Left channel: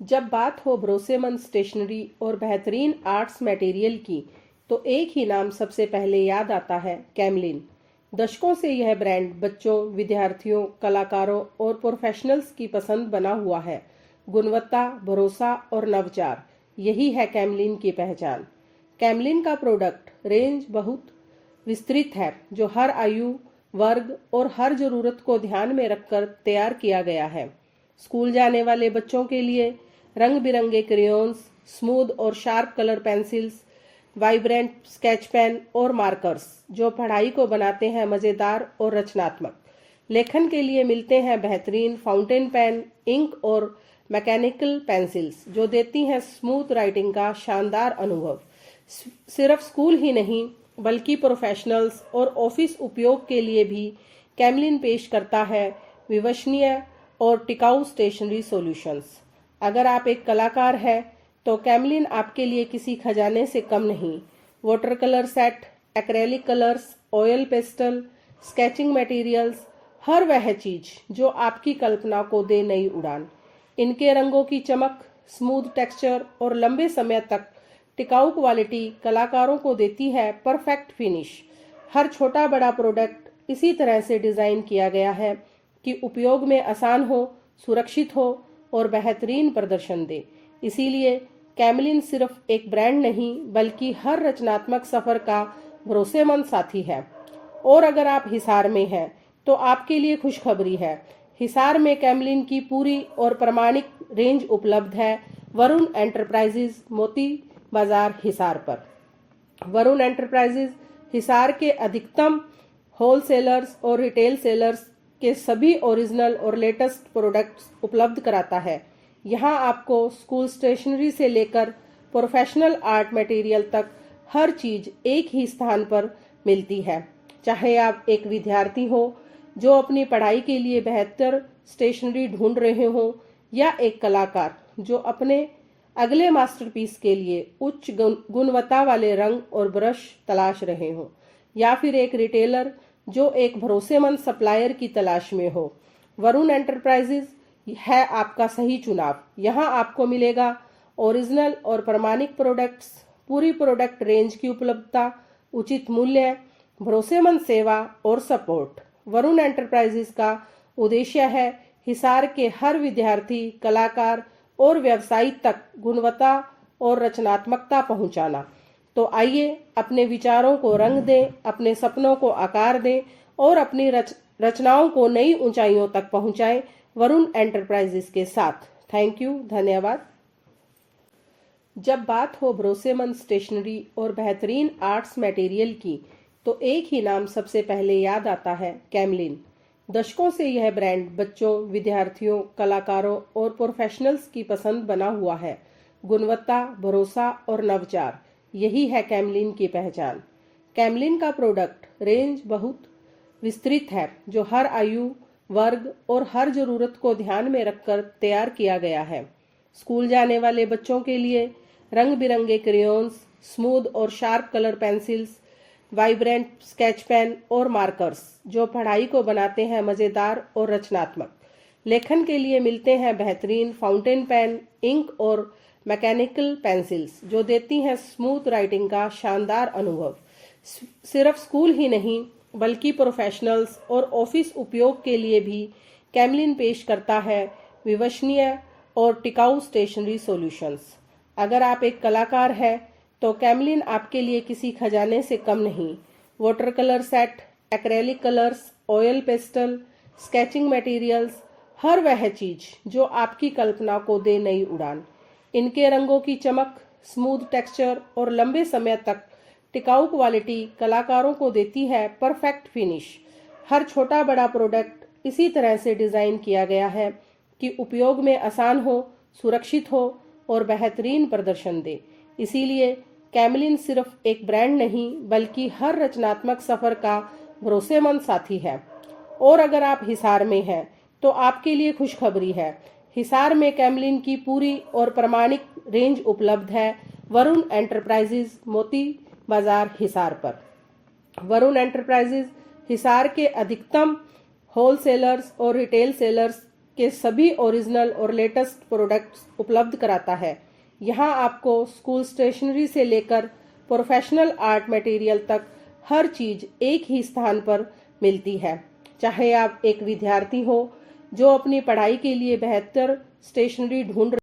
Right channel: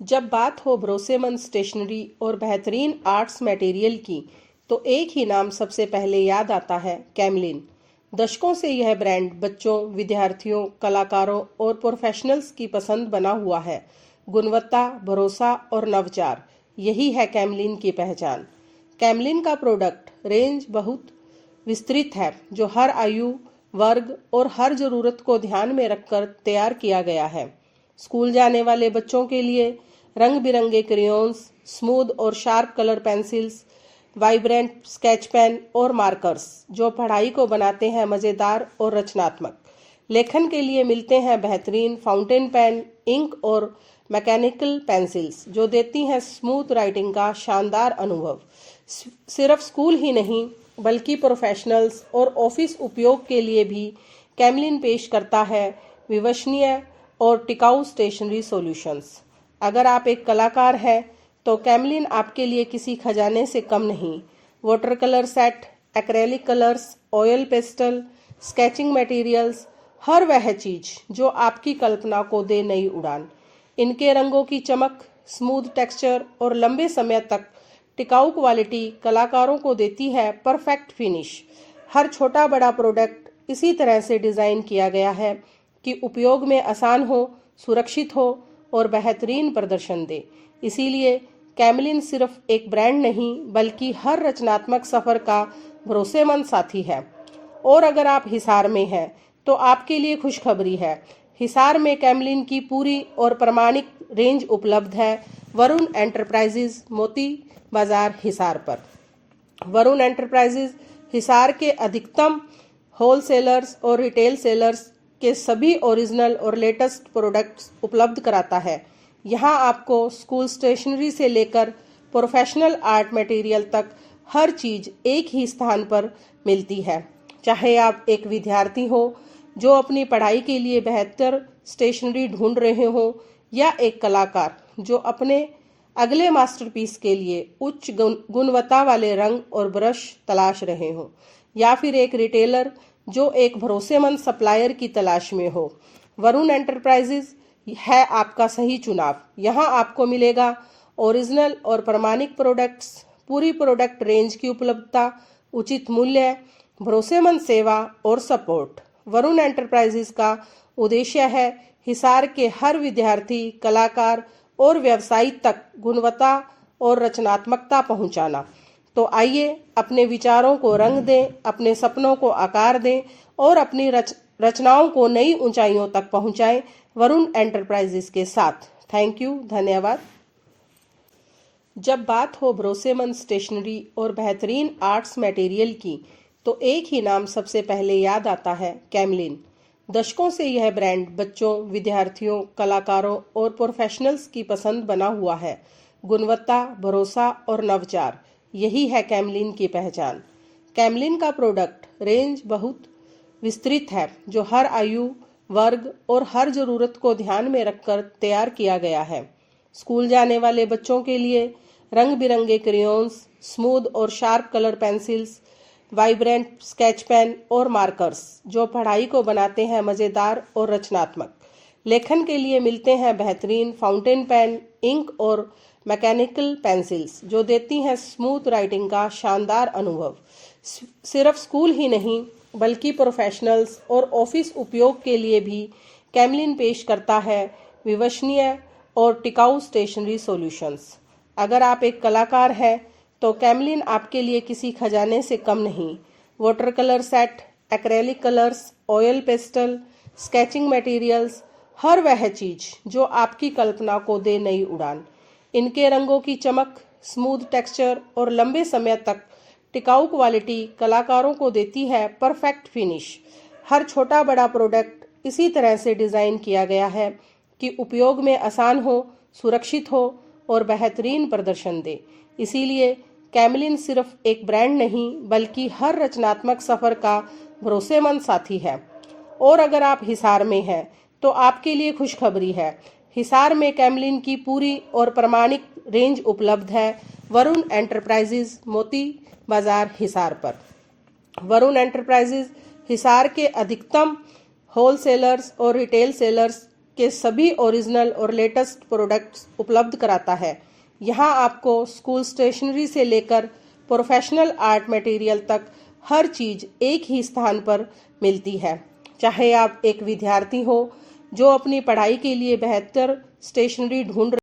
जब बात हो भरोसेमंद स्टेशनरी और बेहतरीन आर्ट्स मटेरियल की, तो एक ही नाम सबसे पहले याद आता है, कैमलिन। दशकों से यह ब्रांड बच्चों, विद्यार्थियों, कलाकारों और प्रोफेशनल्स की पसंद बना हुआ है। गुणवत्ता, भरोसा और नवचार, यही है कैमलिन की पहचान। कैमलिन का प्रोडक्ट रेंज बहुत विस्तृत है, जो हर आयु वर्ग और हर ज़रूरत को ध्यान में रखकर तैयार किया गया है। स्कूल जाने वाले बच्चों के लिए रंग बिरंगे क्रेयॉन्स, स्मूथ और sharp colour pencils, vibrant sketch pen और मार्कर्स, जो पढ़ाई को बनाते हैं मज़ेदार और रचनात्मक। लेखन के लिए मिलते हैं बेहतरीन फाउंटेन पेन, इंक और मैकेनिकल पेंसिल्स, जो देती हैं स्मूथ राइटिंग का शानदार अनुभव। सिर्फ स्कूल ही नहीं, बल्कि प्रोफेशनल्स और ऑफिस उपयोग के लिए भी कैमलिन पेश करता है विश्वसनीय और टिकाऊ स्टेशनरी सॉल्यूशंस। अगर आप एक कलाकार हैं, तो कैमलिन आपके लिए किसी खजाने से कम नहीं। Water colour set, acrylic colours, oil pastel, sketching materials, हर वह चीज जो आपकी कल्पना को दे नई उड़ान। इनके रंगों की चमक, स्मूथ टेक्सचर और लंबे समय तक टिकाऊ क्वालिटी कलाकारों को देती है परफेक्ट फिनिश। हर छोटा बड़ा प्रोडक्ट इसी तरह से डिज़ाइन किया गया है कि उपयोग में आसान हो, सुरक्षित हो और बेहतरीन प्रदर्शन दे। इसीलिए कैमलिन सिर्फ एक ब्रांड नहीं, बल्कि हर रचनात्मक सफ़र का भरोसेमंद साथी है। और अगर आप हिसार में हैं, तो आपके लिए खुशखबरी है। हिसार में कैमलिन की पूरी और प्रमाणिक रेंज उपलब्ध है, वरुण एंटरप्राइजेज, मोती बाजार, हिसार पर। वरुण एंटरप्राइजेज हिसार के अधिकतम होलसेलर्स और रिटेल सेलर्स के सभी ओरिजिनल और लेटेस्ट प्रोडक्ट्स उपलब्ध कराता है। यहाँ आपको स्कूल स्टेशनरी से लेकर प्रोफेशनल आर्ट मटेरियल तक हर चीज़ एक ही स्थान पर मिलती है। चाहे आप एक विद्यार्थी हो जो अपनी पढ़ाई के लिए बेहतर स्टेशनरी ढूंढ रहे हो, या एक कलाकार जो अपने अगले मास्टरपीस के लिए उच्च गुणवत्ता वाले रंग और ब्रश तलाश रहे हो, या फिर एक रिटेलर जो एक भरोसेमंद सप्लायर की तलाश में हो, वरुण एंटरप्राइजेज है आपका सही चुनाव। यहाँ आपको मिलेगा ओरिजिनल और प्रमाणिक प्रोडक्ट्स, पूरी प्रोडक्ट रेंज की उपलब्धता, उचित मूल्य, भरोसेमंद सेवा और सपोर्ट। वरुण एंटरप्राइजेज का उद्देश्य है हिसार के हर विद्यार्थी, कलाकार और व्यवसायी तक गुणवत्ता और रचनात्मकता पहुंचाना। तो आइए अपने विचारों को रंग दें, अपने सपनों को आकार दें और अपनी रचनाओं को नई ऊंचाइयों तक पहुंचाएं वरुण एंटरप्राइजेज के साथ। थैंक यू, धन्यवाद। जब बात हो भरोसेमंद स्टेशनरी और बेहतरीन आर्ट्स मटेरियल की, तो एक ही नाम सबसे पहले याद आता है, कैमलिन। दशकों से यह ब्रांड बच्चों, विद्यार्थियों, कलाकारों और प्रोफेशनल्स की पसंद बना हुआ है। गुणवत्ता, भरोसा और नवचार, यही है कैमलिन की पहचान। कैमलिन का प्रोडक्ट रेंज बहुत विस्तृत है, जो हर आयु वर्ग और हर ज़रूरत को ध्यान में रखकर तैयार किया गया है। स्कूल जाने वाले बच्चों के लिए रंग बिरंगे क्रेयॉन्स, स्मूथ और sharp colour pencils, vibrant sketch pen और मार्कर्स, जो पढ़ाई को बनाते हैं मज़ेदार और रचनात्मक। लेखन के लिए मिलते हैं बेहतरीन फाउंटेन पेन, इंक और मैकेनिकल पेंसिल्स, जो देती हैं स्मूथ राइटिंग का शानदार अनुभव। सिर्फ स्कूल ही नहीं, बल्कि प्रोफेशनल्स और ऑफिस उपयोग के लिए भी कैमलिन पेश करता है विश्वसनीय और टिकाऊ स्टेशनरी सॉल्यूशंस। अगर आप एक कलाकार हैं, तो कैमलिन आपके लिए किसी खजाने से कम नहीं। Water colour set, acrylic colours, oil pastel, sketching materials, हर वह चीज जो आपकी कल्पना को दे नई उड़ान। इनके रंगों की चमक, स्मूथ टेक्सचर और लंबे समय तक टिकाऊ क्वालिटी कलाकारों को देती है परफेक्ट फिनिश। हर छोटा बड़ा प्रोडक्ट इसी तरह से डिज़ाइन किया गया है कि उपयोग में आसान हो, सुरक्षित हो और बेहतरीन प्रदर्शन दे। इसीलिए कैमलिन सिर्फ एक ब्रांड नहीं, बल्कि हर रचनात्मक सफ़र का भरोसेमंद साथी है। और अगर आप हिसार में हैं, तो आपके लिए खुशखबरी है। हिसार में कैमलिन की पूरी और प्रमाणिक रेंज उपलब्ध है, वरुण एंटरप्राइजेज, मोती बाजार, हिसार पर। वरुण एंटरप्राइजेज हिसार के अधिकतम होलसेलर्स और रिटेल सेलर्स के सभी ओरिजिनल और लेटेस्ट प्रोडक्ट्स उपलब्ध कराता है। यहाँ आपको स्कूल स्टेशनरी से लेकर प्रोफेशनल आर्ट मटेरियल तक हर चीज एक ही स्थान पर मिलती है। चाहे आप एक विद्यार्थी हो जो अपनी पढ़ाई के लिए बेहतर स्टेशनरी ढूंढ